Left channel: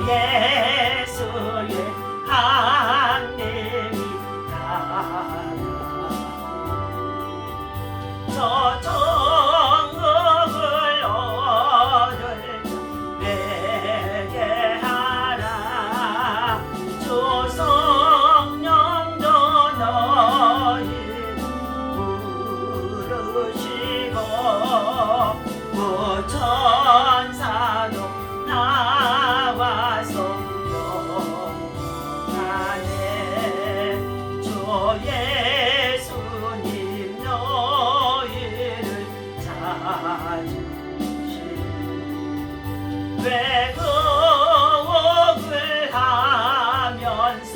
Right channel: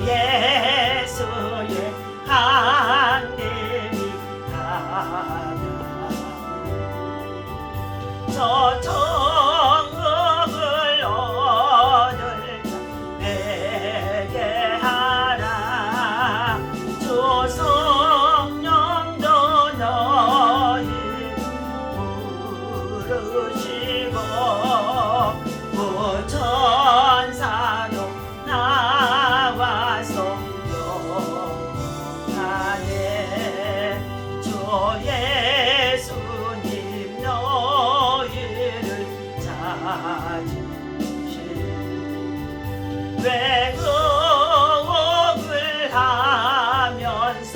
예수의 강림이 나면 저 천국을 얻을 자 내게 하라. 주 성령도 너희 부르시고 그 천사도 나와서 영원하네. 주 예수님 너희를 찾으시 외국을 하면서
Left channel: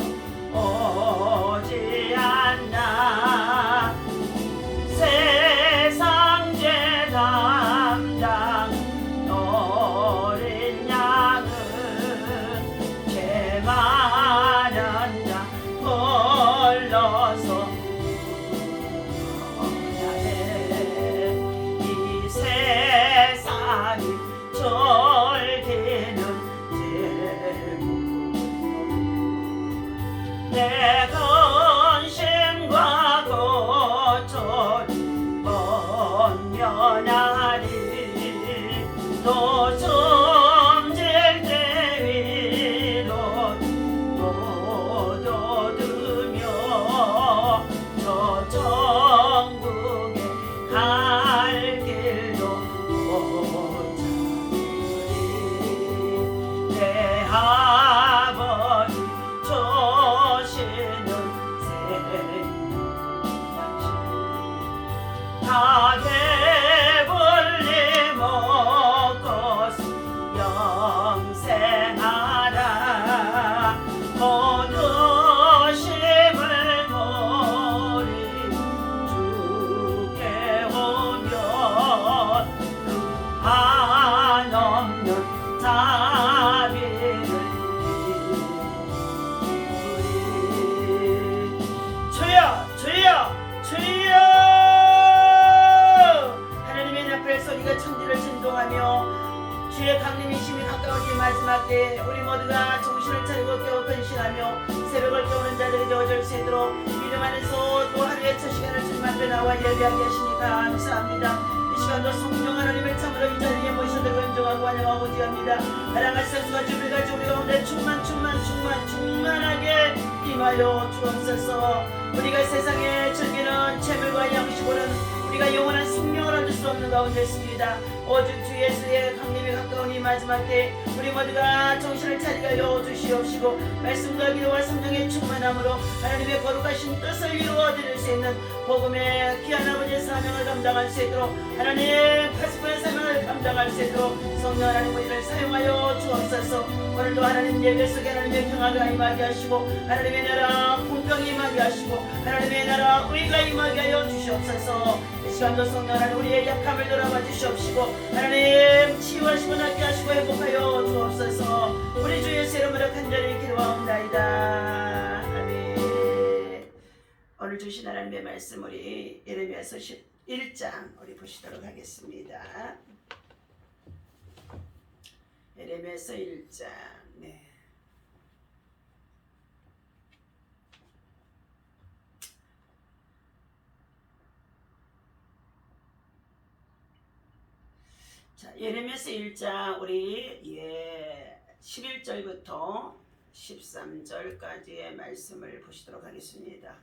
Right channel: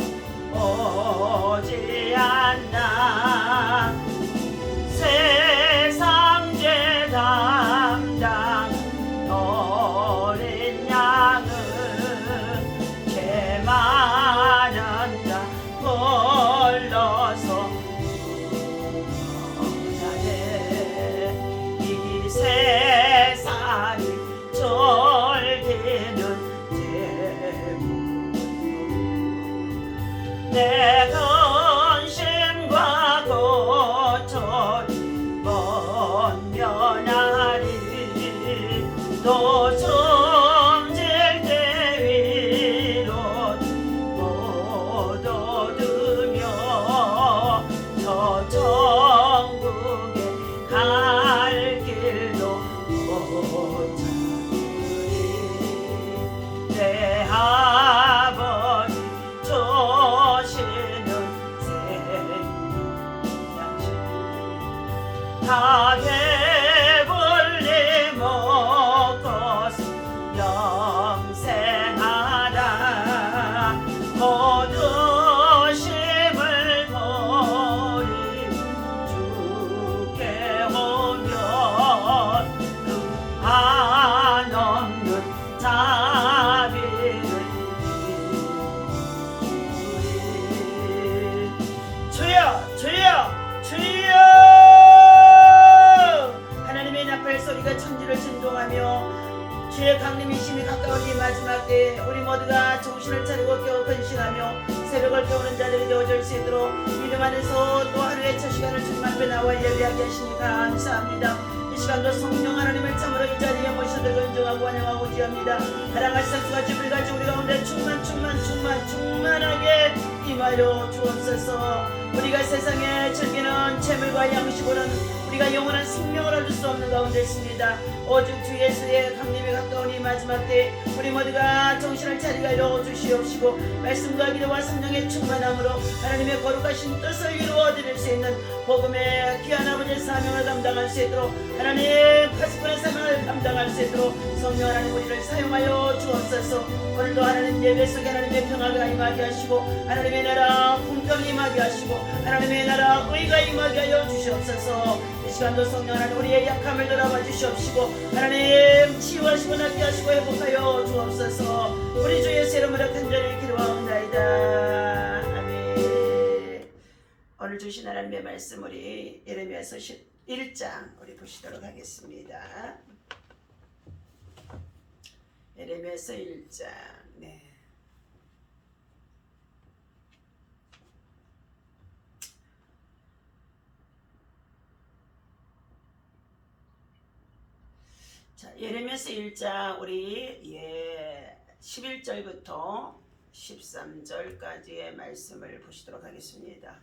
오지 않나. 세상 죄 담당 어린 양은 개만한 자 불러서 구원하네. 이 세상이 졸기는 대문으로 내 근심과 고초를 번면하리. 또 숨질 때 위로 못 얻으며 저 천국에 갈 길도 못 찾으리. 내 아버지 주시는 생명양식 다 배불리 먹고서 영생하라. 모든 힘을 버리고 주께 오면 그 한없는 자비를 이루리. 주여 주여 주여. 하나님의 나팔 소리가 천지를 진동하며 주의 강림이 심히 가까워진 마지막 때에 우리 모두가 정신을 차리고 겨우 근신하며 새벽을 깨우는 자들이 되어줄 수 있도록 믿음 안에서 또 하루의 첫 시간을 주님 앞에 나와 예배하게 하시니 감사합니다. 이 시간도 성령 하나님을 참으로 이 자리에 모셔들고 인정하고 환영하고 지합니다. 가랑같이 상수가 주불같이 우리 가운데 충만하게 임하여 주옵소서. 우리가 세상에 즐기는 재물과 양식으로는 우리가 영원한 생명을 얻을 수 없는 가운데 있습니다. 오직 주 예수의 강림이 가까운 이 마지막 때 우리 모두가 정신을 차리게 하여 주시옵시고 말씀과 기도와 성령의 충만함으로 하나님의 거룩하신 뜻을 이루어 드릴 수 있는 복음의 귀한 아버지의 사명을 감당할 수 있도록 하나님 파수꾼의 사명을 감당할 수 있도록 성령 하나님 우리를 사용하여 주옵소서. 오늘도 하나님 예배 속에 하나님의 평화가 임하게 하시고 하나님의 나라 공평이 임하게 하시고 하나님의 나라 의가 임하게 하여 주시옵소서. 이 시간도 성령 하나님 우리의 약함을 돌아봐 주시옵시고 하나님 치유하시고 낫게 하시고 회복하여 주옵소서. 우리 주 예수 이름으로 간절히 기도하옵나이다. 아멘. 오늘 주신 하나님의 말씀 우리 예레미야서 1장 우리 보시도록 하겠습니다. 예레미야서 1장. 네. 자, 예레미야서 1장 우리 11절부터 13절까지의 말씀을 보시도록 하겠습니다.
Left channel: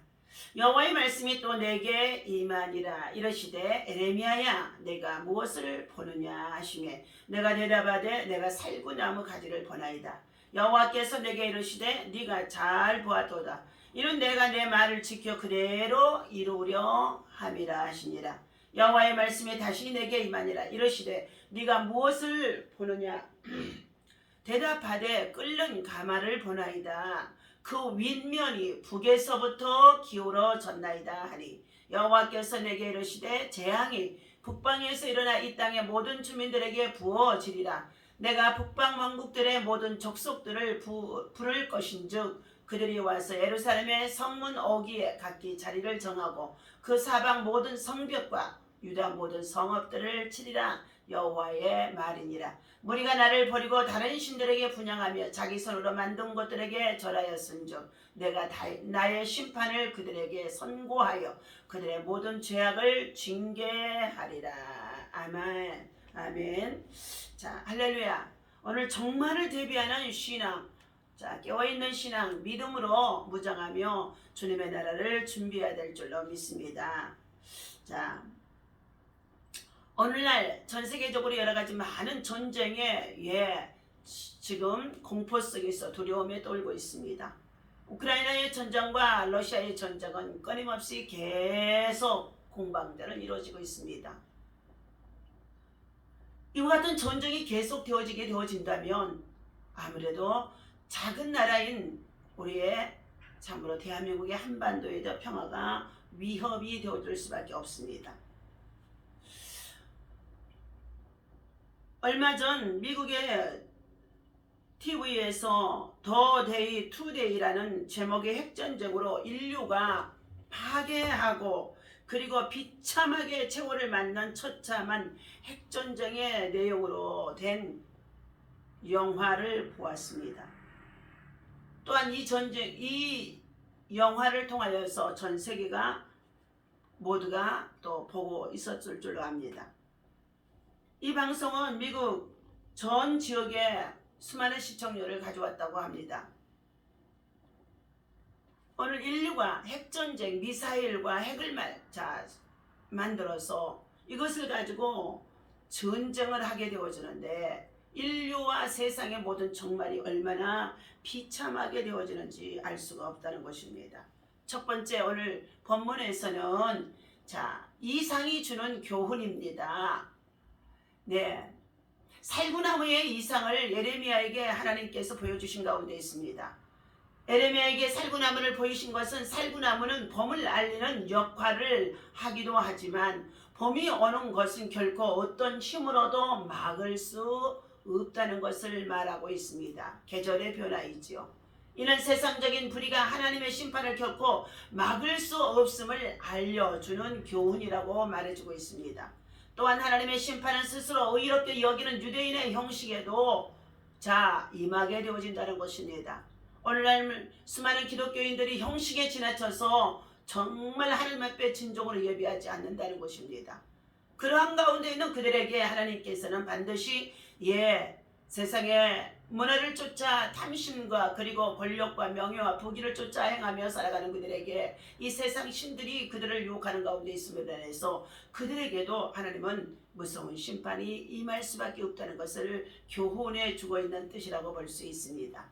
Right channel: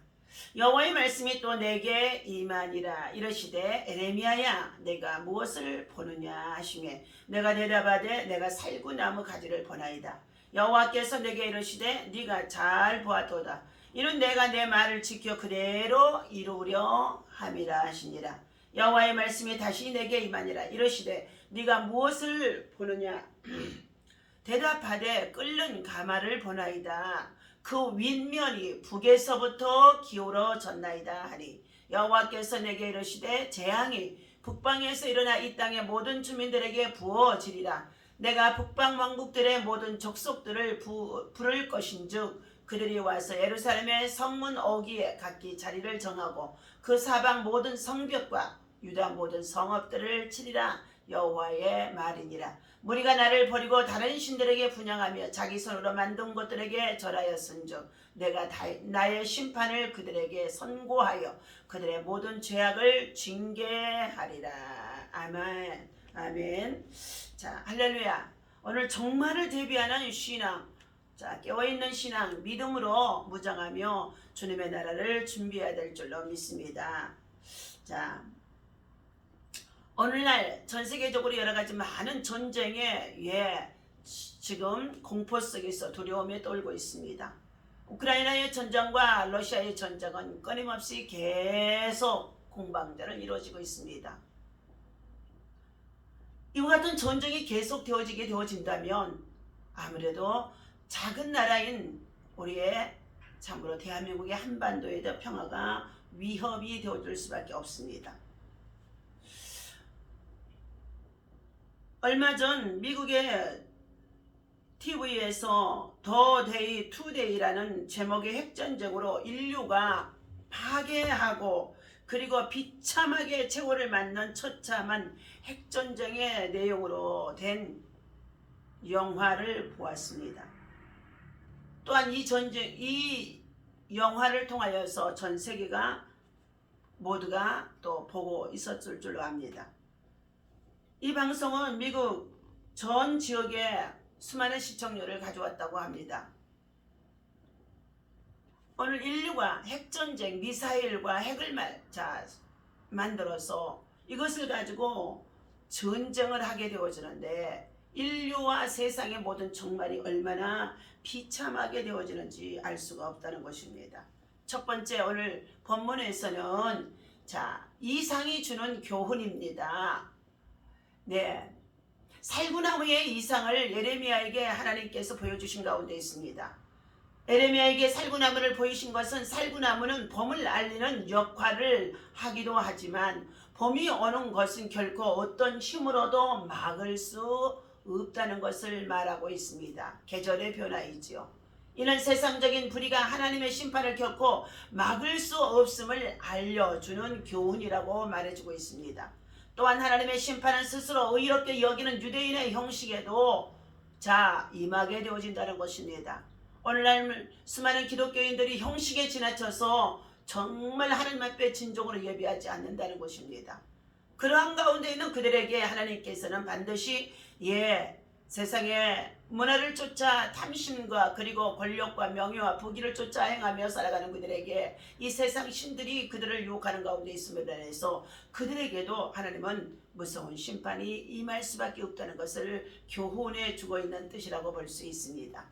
여호와의 말씀이 또 내게 임하니라. 이르시되 에레미야야 내가 무엇을 보느냐 하시매 내가 대답하되 내가 살구나무 가지를 보나이다. 여호와께서 내게 이르시되 네가 잘 보았도다. 이는 내가 내 말을 지켜 그대로 이루려 함이라 하시니라. 여호와의 말씀이 다시 내게 임하니라. 이르시되 네가 무엇을 보느냐 대답하되 끓는 가마를 보나이다. 그 윗면이 북에서부터 기울어졌나이다 하니 여호와께서 내게 이르시되 재앙이 북방에서 일어나 이 땅의 모든 주민들에게 부어지리라. 내가 북방 왕국들의 모든 족속들을 부를 것인즉 그들이 와서 예루살렘의 성문 어귀에 각기 자리를 정하고 그 사방 모든 성벽과 유다 모든 성읍들을 치리라. 여호와의 말이니라. 무리가 나를 버리고 다른 신들에게 분향하며 자기 손으로 만든 것들에게 절하였은즉 내가 나의 심판을 그들에게 선고하여 그들의 모든 죄악을 징계하리라. 아멘. 아멘. 자, 할렐루야. 오늘 종말을 대비하는 신앙, 자, 깨어있는 신앙, 믿음으로 무장하며 주님의 나라를 준비해야 될 줄로 믿습니다. 자, 오늘날 전 세계적으로 여러 가지 많은 전쟁에 지금 공포 속에서 두려움에 떨고 있습니다. 우크라이나의 전쟁과 러시아의 전쟁은 끊임없이 계속 공방전을 이루어지고 있습니다. 이와 같은 전쟁이 계속 되어진다면 아무래도 작은 나라인 우리의 참으로 대한민국의 한반도에도 평화가 위협이 되어줄 수밖에 없습니다. 얼마 전 미국의 TV에서 더 데이 투데이라는 제목의 핵전쟁으로 인류가 파괴하고 그리고 비참하게 최후를 맞는 처참한 핵전쟁의 내용으로 된 영화를 보았습니다. 또한 이 영화를 통하여서 전 세계가 모두가 또 보고 있었을 줄로 압니다. 이 방송은 미국 전 지역에 수많은 시청률을 가져왔다고 합니다. 오늘 인류가 핵전쟁, 미사일과 핵을 만들어서 이것을 가지고 전쟁을 하게 되어지는데 인류와 세상의 모든 종말이 얼마나 비참하게 되어지는지 알 수가 없다는 것입니다. 첫 번째, 오늘 본문에서는 이상이 주는 교훈입니다. 네, 살구나무의 이상을 예레미야에게 하나님께서 보여주신 가운데 있습니다. 예레미야에게 살구나무를 보이신 것은 살구나무는 봄을 알리는 역할을 하기도 하지만 봄이 오는 것은 결코 어떤 힘으로도 막을 수 없다는 것을 말하고 있습니다. 계절의 변화이지요. 이는 세상적인 불의가 하나님의 심판을 결코 막을 수 없음을 알려주는 교훈이라고 말해주고 있습니다. 또한 하나님의 심판은 스스로 의롭게 여기는 유대인의 형식에도 임하게 되어진다는 것입니다. 오늘날 수많은 기독교인들이 형식에 지나쳐서 정말 하나님 앞에 진정으로 예비하지 않는다는 것입니다. 그러한 가운데 있는 그들에게 하나님께서는 반드시 세상의 문화를 쫓아 탐심과 그리고 권력과 명예와 부귀를 쫓아 행하며 살아가는 그들에게 이 세상 신들이 그들을 유혹하는 가운데 있음에 대해서 그들에게도 하나님은 무서운 심판이 임할 수밖에 없다는 것을 교훈해 주고 있는 뜻이라고 볼 수 있습니다.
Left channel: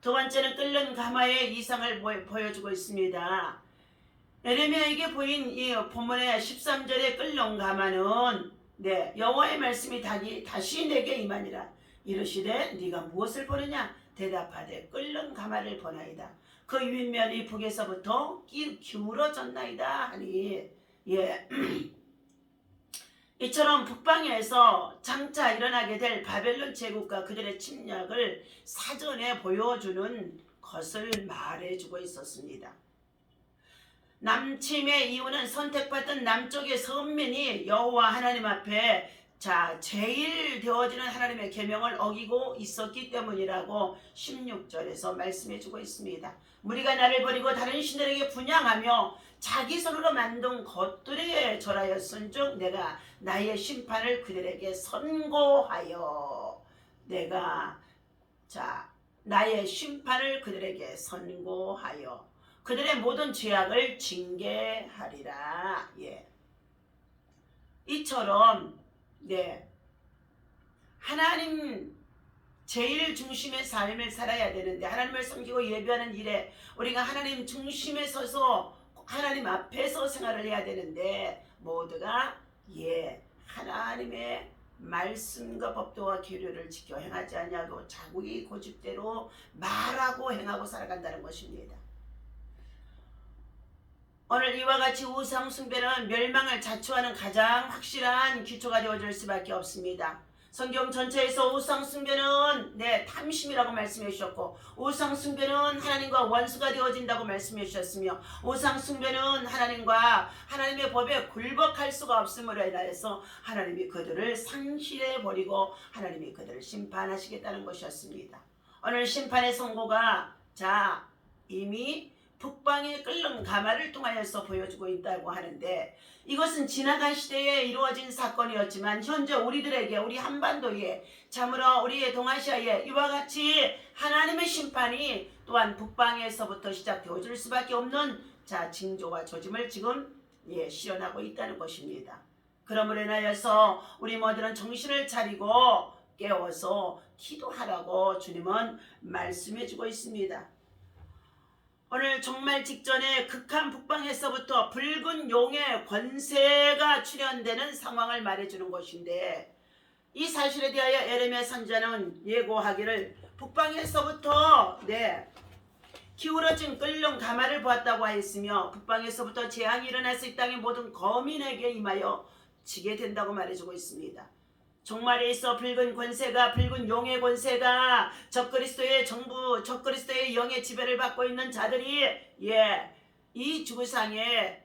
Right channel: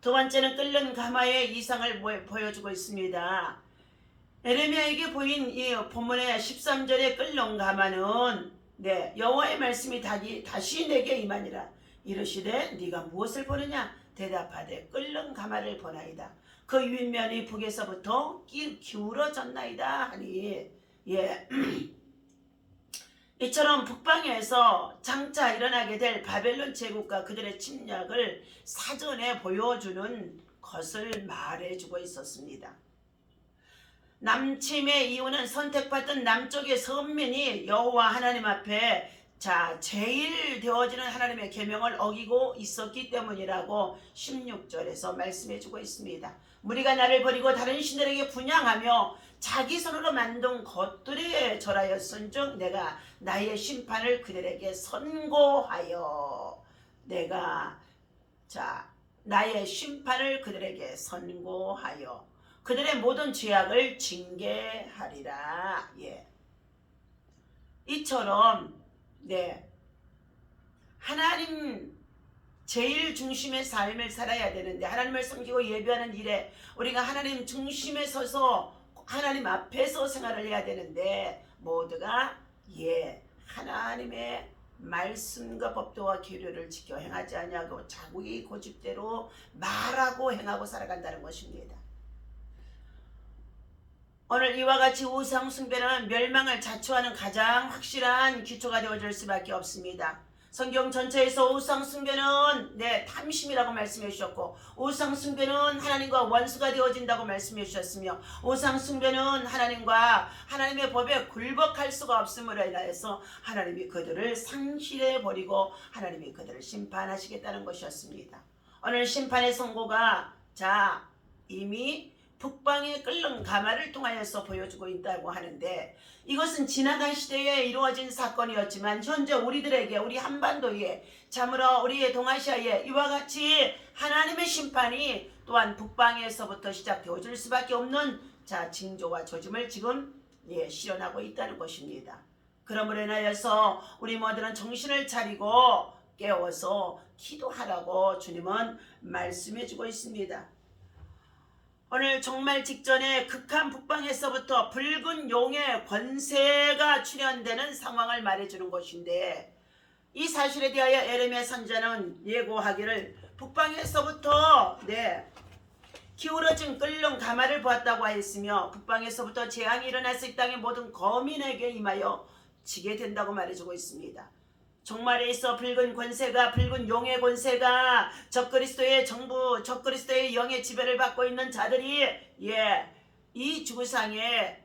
두 번째는 끓는 가마의 이상을 보여주고 있습니다. 예레미야에게 보인 이 본문의 13절의 끓는 가마는 여호와의 말씀이 다시 내게 임하니라. 이르시되 네가 무엇을 보느냐? 대답하되 끓는 가마를 보나이다. 그 윗면이 북에서부터 기울어졌나이다 하니 이처럼 북방에서 장차 일어나게 될 바벨론 제국과 그들의 침략을 사전에 보여주는 것을 말해주고 있었습니다. 남침의 이유는 선택받은 남쪽의 선민이 여호와 하나님 앞에 제일 되어지는 하나님의 계명을 어기고 있었기 때문이라고 16절에서 말씀해주고 있습니다. 무리가 나를 버리고 다른 신들에게 분향하며 자기 손으로 만든 것들에 절하였은즉 내가 나의 심판을 그들에게 선고하여 나의 심판을 그들에게 선고하여 그들의 모든 죄악을 징계하리라. 이처럼 하나님 제일 중심의 삶을 살아야 되는데 하나님을 섬기고 예배하는 일에 우리가 하나님 중심에 서서 하나님 앞에서 생활을 해야 되는데 모두가 하나님의 말씀과 법도와 규례를 지켜 행하지 아니하고 자기 고집대로 말하고 행하고 살아간다는 것입니다. 오늘 이와 같이 우상 숭배는 멸망을 자초하는 가장 확실한 기초가 되어줄 수밖에 없습니다. 성경 전체에서 우상 숭배는 탐심이라고 말씀해 주셨고, 우상 숭배는 하나님과 원수가 되어진다고 말씀해 주셨으며, 우상 숭배는 하나님과 하나님의 법에 굴복할 수가 없음으로 인하여서 하나님이 그들을 상실해 버리고 하나님이 그들을 심판하시겠다는 것이었습니다. 오늘 심판의 선고가 이미 북방의 끓는 가마를 통하여서 보여주고 있다고 하는데, 이것은 지나간 시대에 이루어진 사건이었지만 현재 우리들에게, 우리 한반도에, 참으로 우리 동아시아에 이와 같이 하나님의 심판이 또한 북방에서부터 시작되어질 수밖에 없는 징조와 조짐을 지금 실현하고 있다는 것입니다. 그러므로 인하여서 우리 모두는 정신을 차리고 깨워서 기도하라고 주님은 말씀해 주고 있습니다. 오늘 종말 직전에 극한 북방에서부터 붉은 용의 권세가 출현되는 상황을 말해주는 것인데, 이 사실에 대하여 에레미야 선지자는 예고하기를 북방에서부터 기울어진 끓는 가마를 보았다고 하였으며, 북방에서부터 재앙이 일어나서 이 땅의 모든 거민에게 임하여 지게 된다고 말해주고 있습니다. 종말에 있어 붉은 권세가, 붉은 용의 권세가 적그리스도의 정부, 적그리스도의 영의 지배를 받고 있는 자들이 이 주상에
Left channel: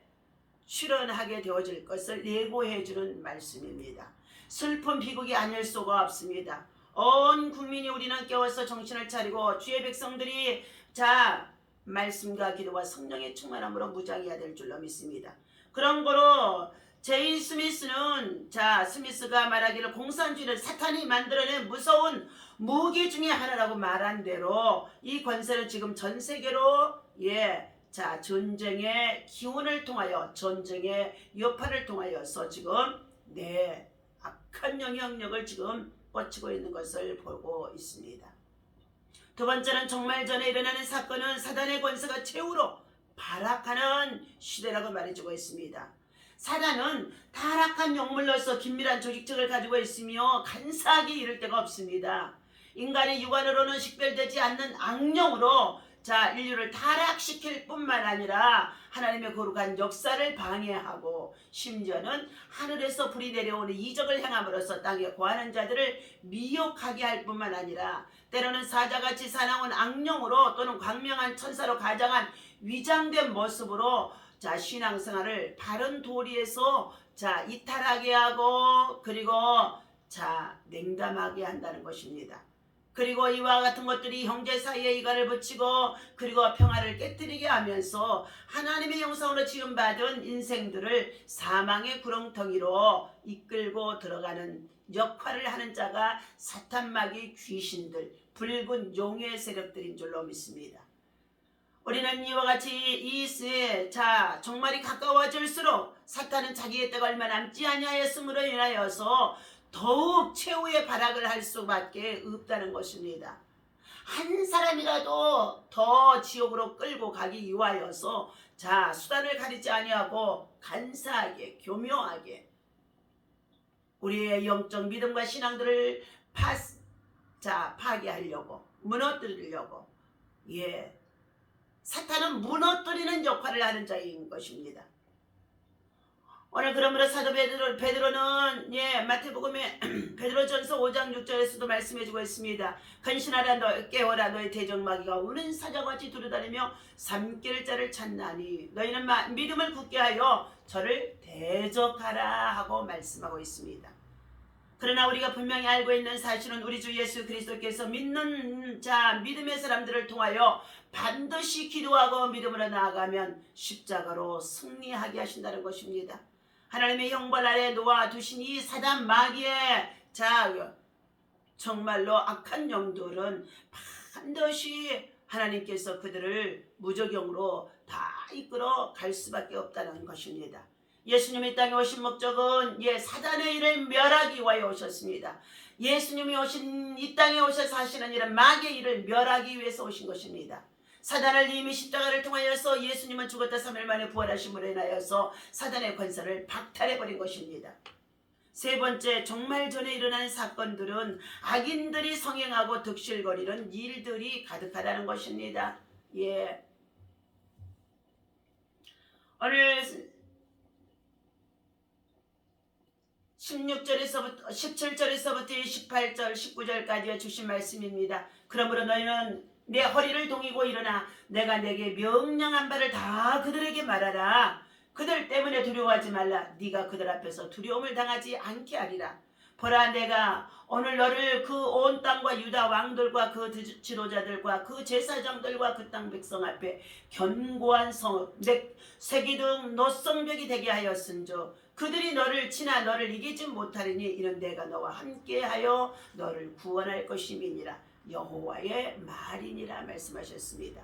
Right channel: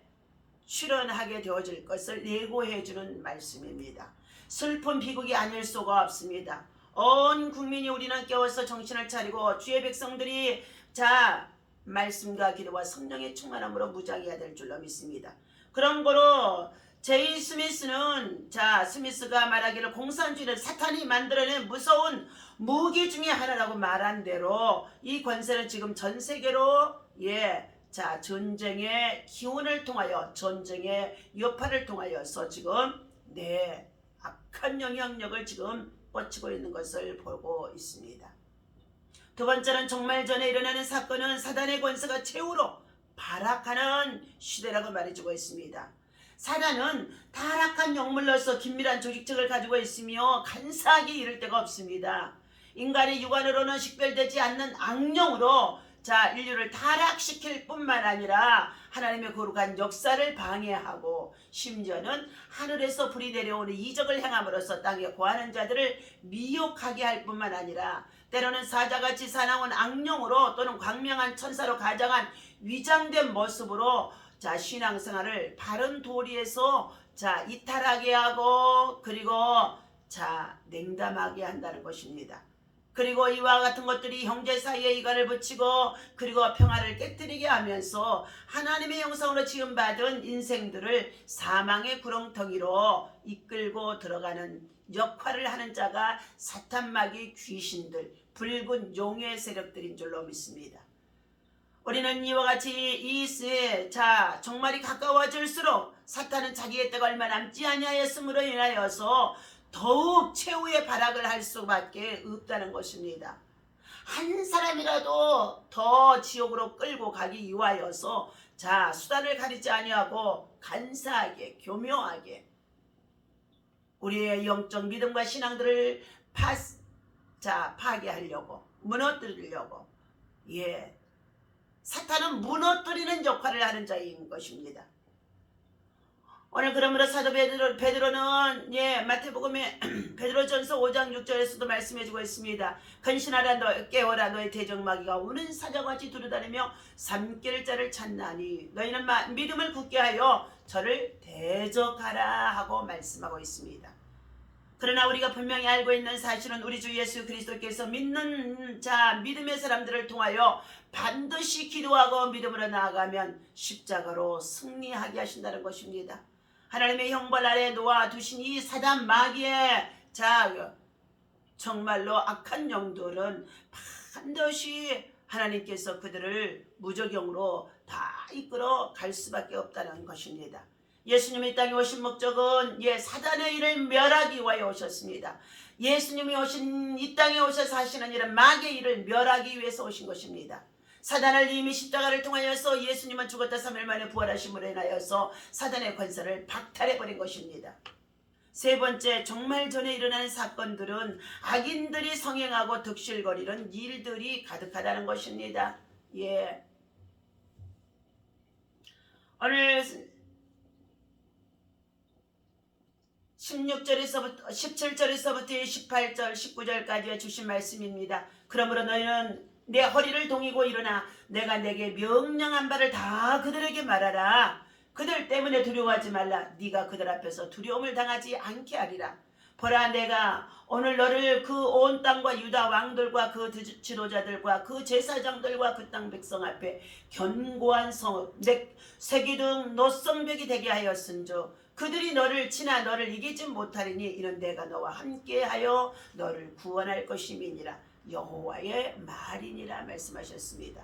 출현하게 되어질 것을 예고해주는 말씀입니다. 슬픈 비극이 아닐 수가 없습니다. 온 국민이 우리는 깨워서 정신을 차리고 주의 백성들이 말씀과 기도와 성령의 충만함으로 무장해야 될 줄로 믿습니다. 그런 거로 제이 스미스는 스미스가 말하기를 공산주의는 사탄이 만들어낸 무서운 무기 중에 하나라고 말한 대로 이 권세는 지금 전 세계로 전쟁의 기운을 통하여, 전쟁의 여파를 통하여서 지금 악한 영향력을 지금 뻗치고 있는 것을 보고 있습니다. 두 번째는 정말 전에 일어나는 사건은 사단의 권세가 최후로 발악하는 시대라고 말해주고 있습니다. 사단은 타락한 영물로서 긴밀한 조직책을 가지고 있으며 간사하게 이를 데가 없습니다. 인간의 육안으로는 식별되지 않는 악령으로 인류를 타락시킬 뿐만 아니라 하나님의 거룩한 역사를 방해하고, 심지어는 하늘에서 불이 내려오는 이적을 행함으로써 땅에 거하는 자들을 미혹하게 할 뿐만 아니라 때로는 사자같이 사나운 악령으로 또는 광명한 천사로 가장한 위장된 모습으로 신앙생활을 바른 도리에서 이탈하게 하고, 그리고 냉담하게 한다는 것입니다. 그리고 이와 같은 것들이 형제 사이에 이간을 붙이고, 그리고 평화를 깨뜨리게 하면서 하나님의 형상으로 지음받은 인생들을 사망의 구렁텅이로 이끌고 들어가는 역할을 하는 자가 사탄마귀 귀신들, 붉은 용의 세력들인 줄로 믿습니다. 우리는 이와 같이 정말이 가까워질수록 사탄은 자기의 때가 얼마 남지 아니하였으므로 인하여서 더욱 최후의 발악을 할 수밖에 없다는 것입니다. 한 사람이라도 더 지옥으로 끌고 가기 위하여서 수단을 가리지 아니하고 간사하게, 교묘하게 우리의 영적 믿음과 신앙들을 파괴하려고, 무너뜨리려고 사탄은 무너뜨리는 역할을 하는 자인 것입니다. 오늘 그러므로 사도 베드로는 마태복음의 베드로전서 5장 6절에서도 말씀해주고 있습니다. 근신하라, 너 깨어라, 너의 대적마귀가 우는 사자같이 두루다니며 삼킬 자를 찾나니 너희는 믿음을 굳게 하여 저를 대적하라 하고 말씀하고 있습니다. 그러나 우리가 분명히 알고 있는 사실은 우리 주 예수 그리스도께서 믿는 믿음의 사람들을 통하여 반드시 기도하고 믿음으로 나아가면 십자가로 승리하게 하신다는 것입니다. 하나님의 형벌 아래 놓아두신 이 사단 마귀의 정말로 악한 영들은 반드시 하나님께서 그들을 무적용으로 다 이끌어 갈 수밖에 없다는 것입니다. 예수님이 이 땅에 오신 목적은 사단의 일을 멸하기 위하여 오셨습니다. 예수님이 이 땅에 오셔서 하시는 일은 마귀의 일을 멸하기 위해서 오신 것입니다. 사단을 이미 십자가를 통하여서 예수님은 죽었다 3일 만에 부활하심으로 인하여서 사단의 권세를 박탈해버린 것입니다. 세 번째, 정말 전에 일어나는 사건들은 악인들이 성행하고 득실거리는 일들이 가득하다는 것입니다. 오늘 16절에서부터 17절에서부터 18절 19절까지 주신 말씀입니다. 그러므로 너희는 내 허리를 동이고 일어나 내가 내게 명령한 바를 다 그들에게 말하라. 그들 때문에 두려워하지 말라. 네가 그들 앞에서 두려움을 당하지 않게 하리라. 보라, 내가 오늘 너를 그 온 땅과 유다 왕들과 그 지도자들과 그 제사장들과 그 땅 백성 앞에 견고한 새기둥 노성벽이 되게 하였은즉 그들이 너를 치나 너를 이기지 못하리니 이는 내가 너와 함께하여 너를 구원할 것임이니라. 여호와의 말이니라 말씀하셨습니다.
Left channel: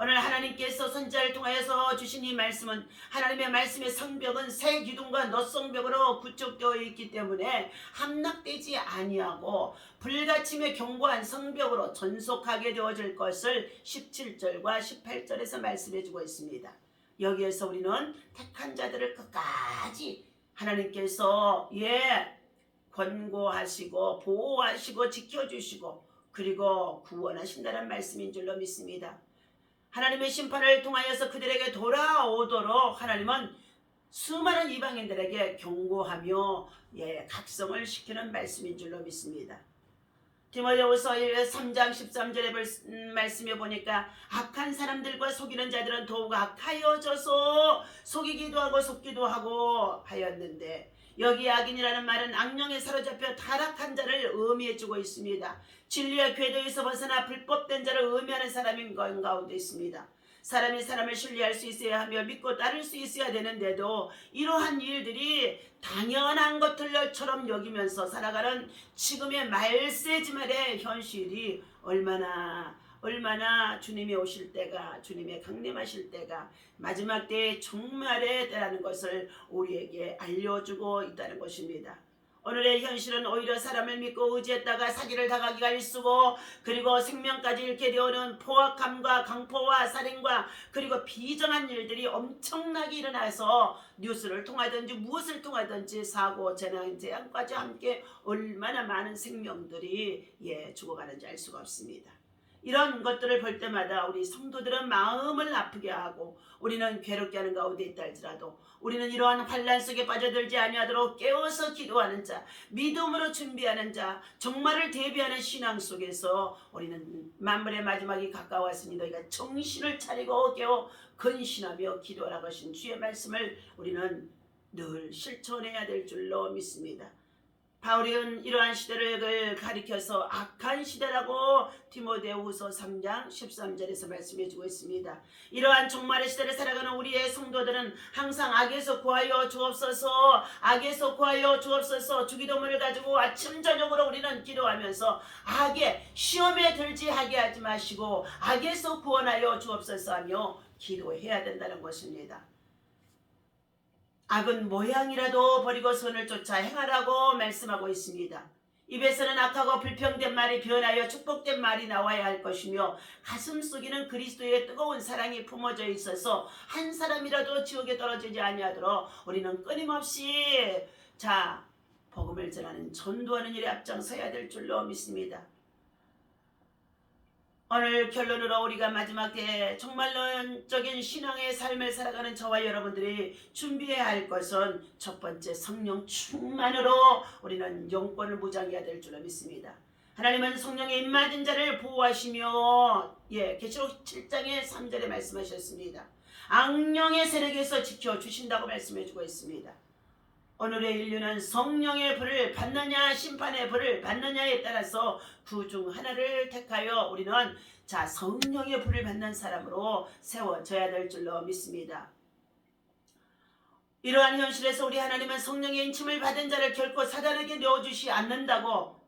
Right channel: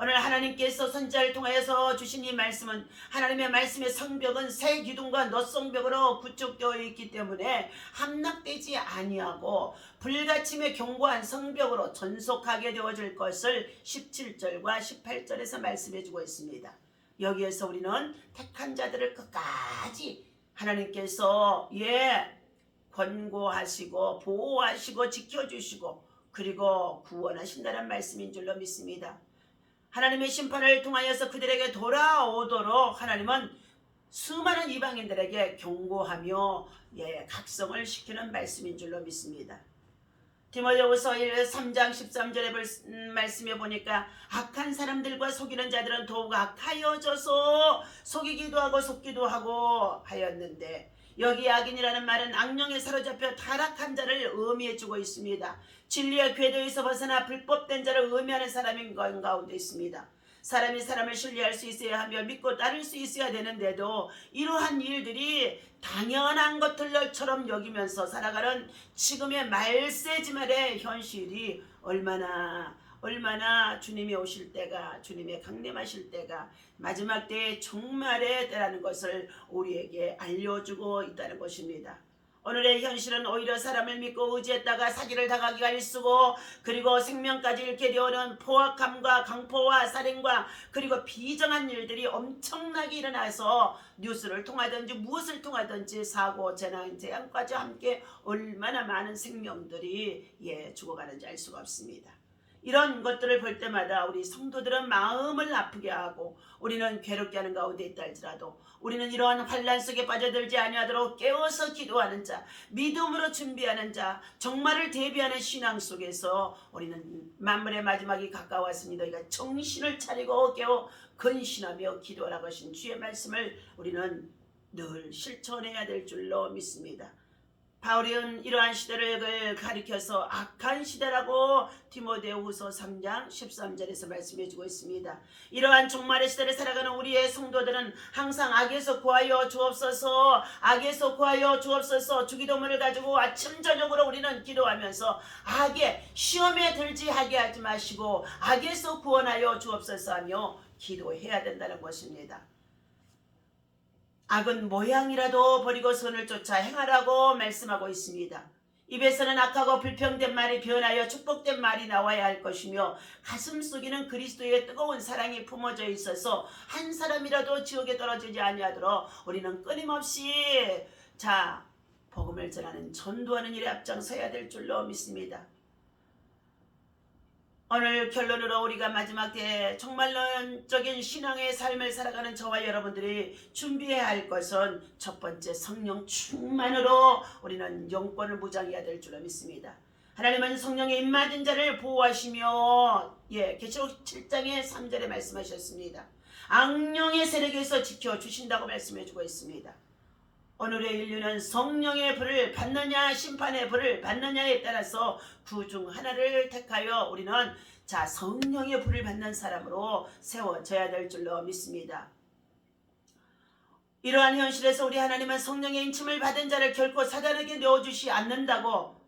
오늘 하나님께서 선지자를 통하여서 주신 이 말씀은 하나님의 말씀의 성벽은 새 기둥과 놋성벽으로 구축되어 있기 때문에 함락되지 아니하고 불가침의 견고한 성벽으로 전속하게 되어질 것을 17절과 18절에서 말씀해 주고 있습니다. 여기에서 우리는 택한 자들을 끝까지 하나님께서 권고하시고 보호하시고 지켜주시고 그리고 구원하신다는 말씀인 줄로 믿습니다. 하나님의 심판을 통하여서 그들에게 돌아오도록 하나님은 수많은 이방인들에게 경고하며 각성을 시키는 말씀인 줄로 믿습니다. 디모데후서 3장 13절의 말씀에 보니까 악한 사람들과 속이는 자들은 더욱 악하여져서 속이기도 하고 속기도 하고 하였는데 여기 악인이라는 말은 악령에 사로잡혀 타락한 자를 의미해주고 있습니다. 진리의 궤도에서 벗어나 불법된 자를 의미하는 사람인 가운데 있습니다. 사람이 사람을 신뢰할 수 있어야 하며 믿고 따를 수 있어야 되는데도 이러한 일들이 당연한 것들처럼 여기면서 살아가는 지금의 말세지말의 현실이 얼마나 주님이 오실 때가, 주님의 강림하실 때가 마지막 때의 종말의 때라는 것을 우리에게 알려주고 있다는 것입니다. 오늘의 현실은 오히려 사람을 믿고 의지했다가 사기를 당하기가 일쑤고 그리고 생명까지 잃게 되어오는 포악함과 강포와 살인과 그리고 비정한 일들이 엄청나게 일어나서 뉴스를 통하든지 무엇을 통하든지 사고, 재난까지 함께 얼마나 많은 생명들이 죽어가는지 알 수가 없습니다. 이런 것들을 볼 때마다 우리 성도들은 마음을 아프게 하고 우리는 괴롭게 하는 가운데 있다 할지라도 우리는 이러한 환난 속에 빠져들지 아니하도록 깨워서 기도하는 자, 믿음으로 준비하는 자, 정말을 대비하는 신앙 속에서 우리는 만물의 마지막이 가까웠으니 너희가 정신을 차리고 깨워 근신하며 기도하라고 하신 주의 말씀을 우리는 늘 실천해야 될 줄로 믿습니다. 바울은 이러한 시대를 가리켜서 악한 시대라고 디모데후서 3장 13절에서 말씀해주고 있습니다. 이러한 종말의 시대를 살아가는 우리의 성도들은 항상 악에서 구하여 주옵소서, 악에서 구하여 주옵소서 주기도문을 가지고 아침 저녁으로 우리는 기도하면서 악의 시험에 들지 하게 하지 마시고 악에서 구원하여 주옵소서 하며 기도해야 된다는 것입니다. 악은 모양이라도 버리고 선을 쫓아 행하라고 말씀하고 있습니다. 입에서는 악하고 불평된 말이 변하여 축복된 말이 나와야 할 것이며 가슴 속에는 그리스도의 뜨거운 사랑이 품어져 있어서 한 사람이라도 지옥에 떨어지지 아니하도록 우리는 끊임없이 복음을 전하는 전도하는 일에 앞장서야 될 줄로 믿습니다. 오늘 결론으로 우리가 마지막 때에 정말론적인 신앙의 삶을 살아가는 저와 여러분들이 준비해야 할 것은 첫 번째 성령 충만으로 우리는 영권을 무장해야 될 줄로 믿습니다. 하나님은 성령에 임맞은 자를 보호하시며 계시록 7장의 3절에 말씀하셨습니다. 악령의 세력에서 지켜주신다고 말씀해주고 있습니다. 오늘의 인류는 성령의 불을 받느냐 심판의 불을 받느냐에 따라서 그 중 하나를 택하여 우리는 성령의 불을 받는 사람으로 세워져야 될 줄로 믿습니다. 이러한 현실에서 우리 하나님은 성령의 인침을 받은 자를 결코 사단에게 내어주시 않는다고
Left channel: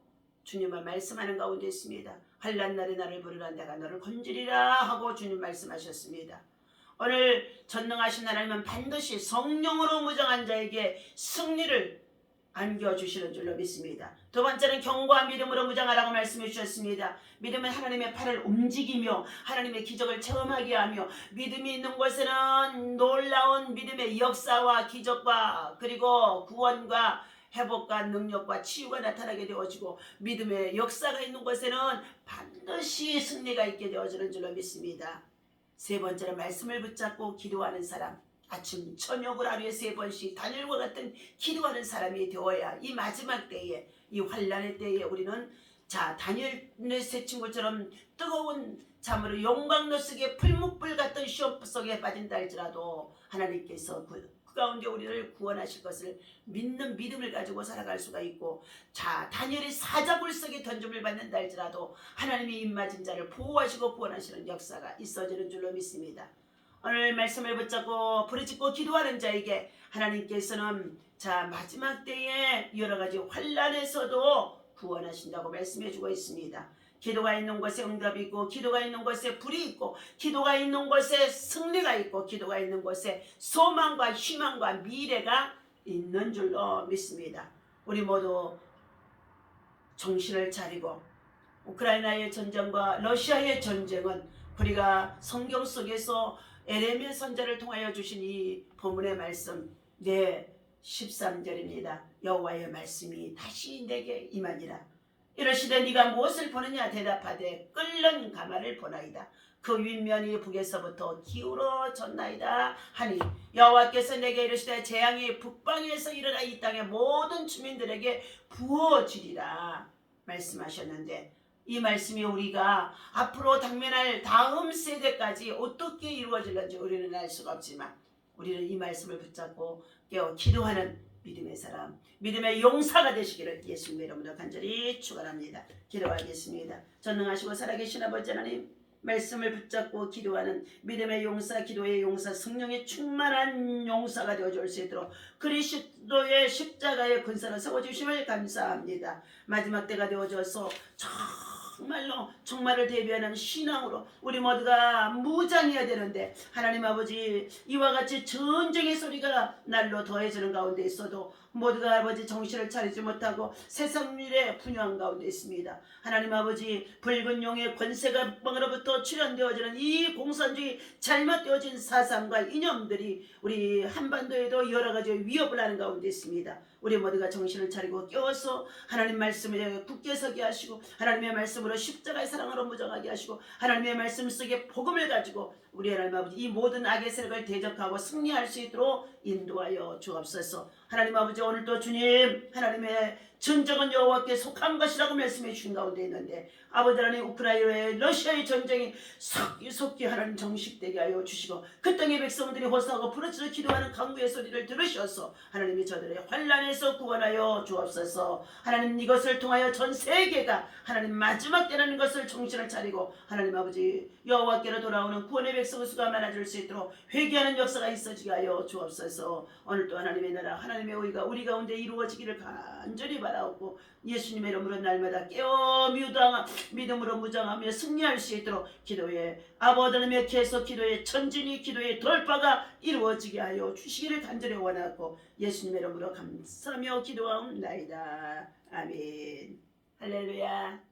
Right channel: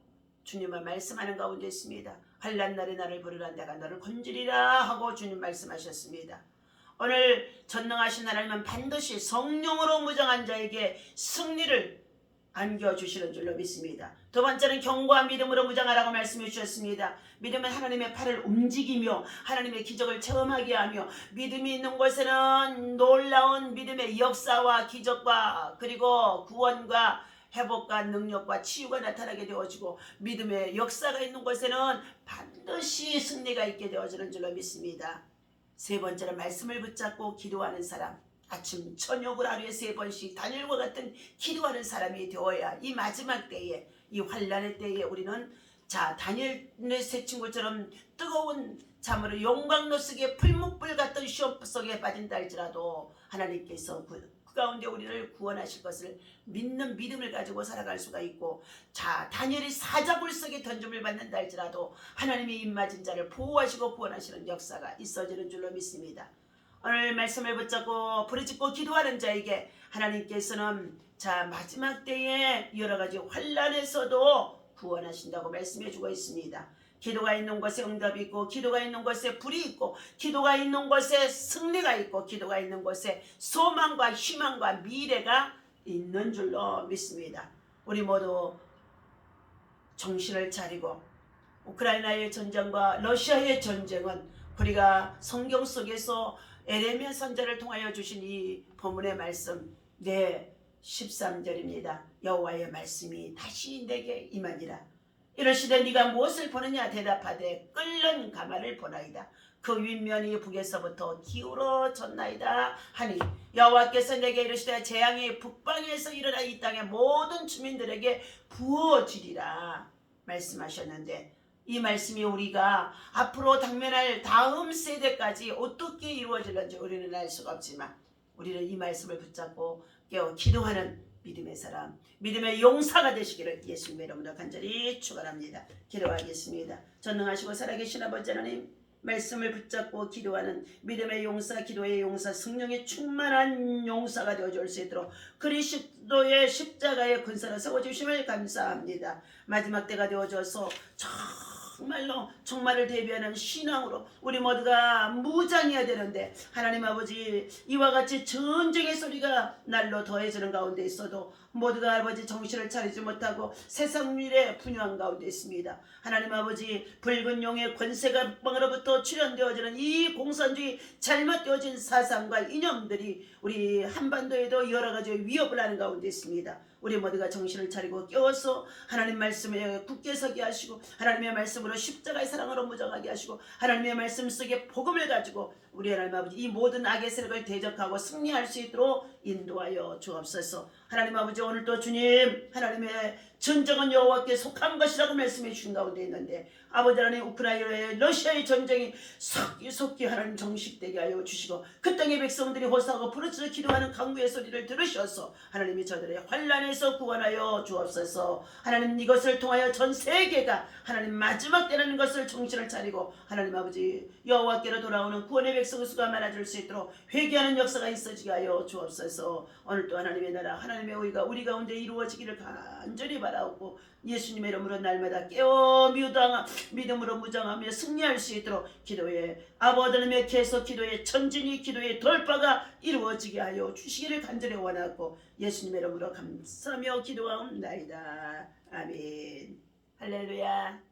주님은 말씀하는 가운데 있습니다. 환난 날에 나를 부르라 내가 너를 건지리라 하고 주님 말씀하셨습니다. 오늘 전능하신 하나님은 반드시 성령으로 무장한 자에게 승리를 안겨주시는 줄로 믿습니다. 두 번째는 견고한 믿음으로 무장하라고 말씀해 주셨습니다. 믿음은 하나님의 팔을 움직이며 하나님의 기적을 체험하게 하며 믿음이 있는 곳에는 놀라운 믿음의 역사와 기적과 그리고 구원과 회복과 능력과 치유가 나타나게 되어지고 믿음의 역사가 있는 곳에는 반드시 승리가 있게 되어지는 줄로 믿습니다. 세 번째는 말씀을 붙잡고 기도하는 사람. 아침 저녁을 하루에 3번씩 다니엘과 같은 기도하는 사람이 되어야 이 마지막 때에, 이 환난의 때에 우리는 다니엘의 세 친구처럼 뜨거운 참으로 용광로 속에 풀무불 같은 시험 속에 빠진다 할지라도 하나님께서 그 가운데 우리를 구원하실 것을 믿는 믿음을 가지고 살아갈 수가 있고, 다니엘이 사자굴 속에 던짐을 받는다 할지라도 하나님이 입맞은 자를 보호하시고 구원하시는 역사가 있어지는 줄로 믿습니다. 오늘 말씀을 붙잡고 부르짖고 기도하는 자에게 하나님께서는 마지막 때에 여러가지 환난에서도 구원하신다고 말씀해주고 있습니다. 기도가 있는 곳에 응답이 있고, 기도가 있는 곳에 불이 있고, 기도가 있는 곳에 승리가 있고, 기도가 있는 곳에 소망과 희망과 미래가 있는 줄로 믿습니다. 우리 모두 정신을 차리고, 우크라이나의 전쟁과 러시아의 전쟁은 우리가 성경 속에서 에레미야 선지자를 통하여 주신 이 본문의 말씀 13절입니다. 여호와의 말씀이 다시 내게 임하니라. 이르시되 네가 무엇을 보느냐 대답하되 끓는 가마를 보나이다. 그 윗면이 북에서부터 기울어졌나이다 하니 여호와께서 내게 이르시되 재앙이 북방에서 일어나 이 땅의 모든 주민들에게 부어지리라 말씀하셨는데, 이 말씀이 우리가 앞으로 당면할 다음 세대까지 어떻게 이루어질는지 우리는 알 수가 없지만, 우리는 이 말씀을 붙잡고 깨어 기도하는 믿음의 사람, 믿음의 용사가 되시기를 예수님의 이름으로 간절히 축원합니다. 기도하겠습니다. 전능하시고 살아계신 아버지 하나님, 말씀을 붙잡고 기도하는 믿음의 용사, 기도의 용사, 성령의 충만한 용사가 되어줄 수 있도록 그리스도의 십자가의 군사로 세워주심을 감사합니다. 마지막 때가 되어져서 정말로 종말을 대비하는 신앙으로 우리 모두가 무장해야 되는데, 하나님 아버지 이와 같이 전쟁의 소리가 날로 더해지는 가운데 있어도 모두가 아버지 정신을 차리지 못하고 세상 일에 분유한 가운데 있습니다. 하나님 아버지 붉은 용의 권세가 북방으로부터 출현되어지는 이 공산주의 잘못되어진 사상과 이념들이 우리 한반도에도 여러 가지 위협을 하는 가운데 있습니다. 우리 모두가 정신을 차리고 깨워서 하나님 말씀에 굳게 서게 하시고, 하나님의 말씀으로 십자가의 사랑으로 무장하게 하시고, 하나님의 말씀 속에 복음을 가지고 우리 하나님 아버지 이 모든 악의 세력을 대적하고 승리할 수 있도록 인도하여 주옵소서. 하나님 아버지 오늘도 주님 하나님의 전쟁은 여호와께 속한 것이라고 말씀해 주신 가운데 있는데, 아버지 하나님 우크라이나의 러시아의 전쟁이 속히 하나님 정식되게 하여 주시고, 그 땅의 백성들이 호소하고 부르짖어 기도하는 강구의 소리를 들으셔서 하나님이 저들의 환난에서 구원하여 주옵소서. 하나님 이것을 통하여 전 세계가 하나님 마지막 때라는 것을 정신을 차리고 하나님 아버지 여호와께로 돌아오는 구원의 백성 수가 많아질 수 있도록 회개하는 역사가 있어지게 하여 주옵소서. 오늘도 하나님의 나라 하나님의 의가 우리 가운데 이루어지기를 간절히 바라옵고, 예수님의 이름으로 날마다 깨어 믿음으로 무장하며 승리할 수 있도록 기도에 아버지님의 계속 기도에 전진이 기도의 돌파가 이루어지게 하여 주시기를 간절히 원하고 예수님의 이름으로 감사하며 기도하옵나이다. 아멘. 할렐루야.